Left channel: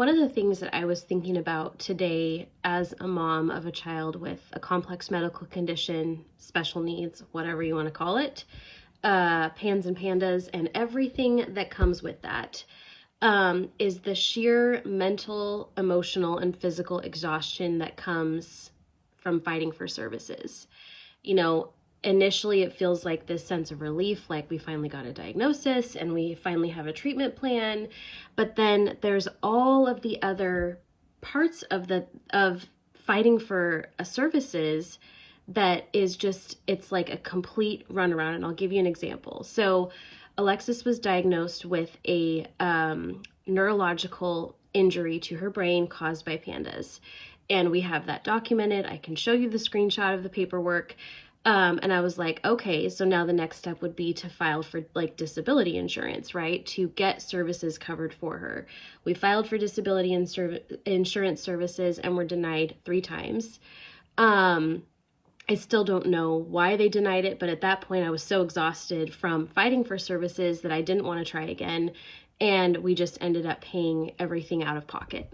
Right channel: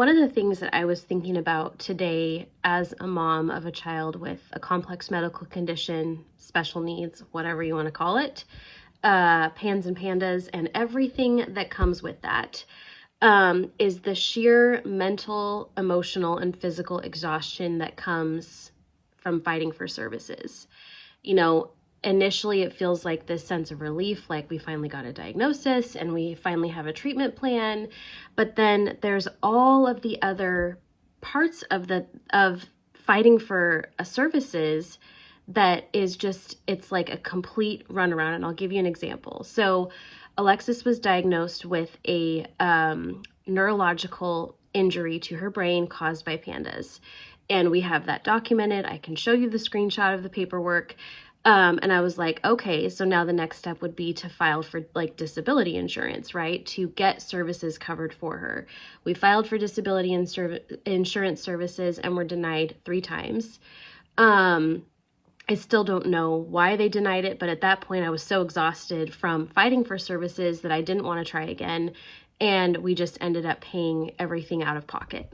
One of the things that I was thinking about today as a mom of a child with a complex medical condition, special needs, whatever you want to call it, PANS and PANDAS, and everything that comes with that, is the sheer mental, emotional, and physical exhaustion that comes from fighting for services. You know, initially it feels like this sense of relief, like we finally got a diagnosis and we finally have a treatment plan. But then there's all of the other parts of fighting for services that is just, it's like a complete runaround. And I'll give you an example. So Alexis was diagnosed with a neurological injury to her brain caused by PANDAS. And we have that documented. I can show you the screenshot of the paperwork. And I was like, okay, so now the next step would be to file for like disability insurance, right? To get services covered for her. We filed for disability insurance services and were denied 3 times. I still don't know why they denied it, but at that point I was so exhausted from fighting for services that I didn't want to try again. And we just ended up paying everything out of pocket.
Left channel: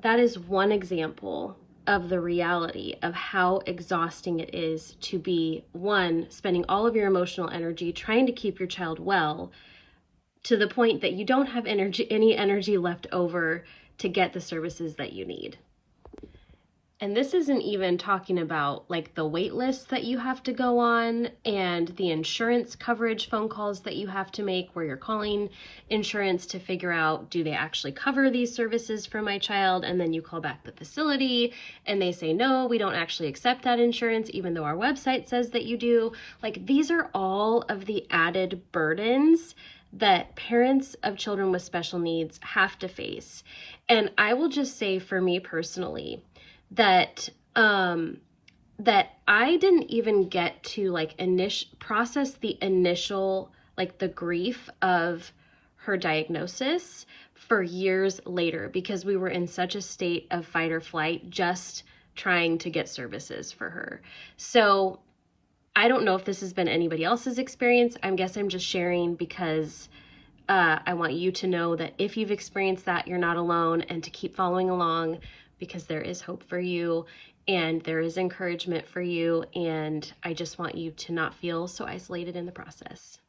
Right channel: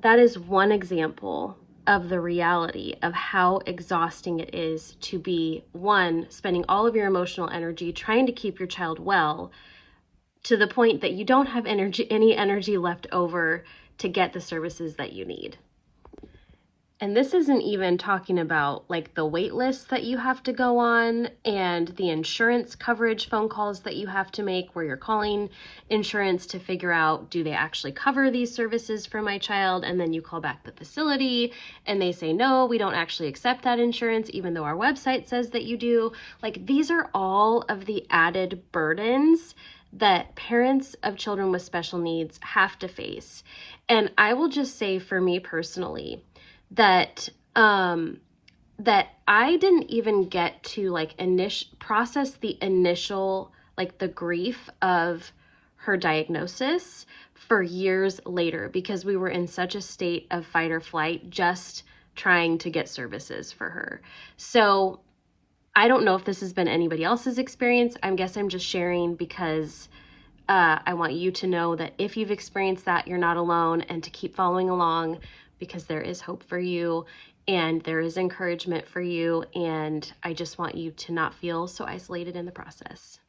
That is one example of the reality of how exhausting it is to be, one, spending all of your emotional energy trying to keep your child well, to the point that you don't have any energy left over to get the services that you need. And this isn't even talking about like the wait list that you have to go on and the insurance coverage phone calls that you have to make where you're calling insurance to figure out, do they actually cover these services for my child? And then you call back the facility and they say, no, we don't actually accept that insurance, even though our website says that you do. Like, these are all of the added burdens that parents of children with special needs have to face. And I will just say, for me personally, that I didn't even get to like process the initial, like the grief of her diagnosis for years later, because we were in such a state of fight or flight, just trying to get services for her. So I don't know if this has been anybody else's experience. I guess I'm just sharing because I want you to know that if you've experienced that, you're not alone, and to keep following along, because there is hope for you and there is encouragement for you. And I just want you to not feel so isolated in the process.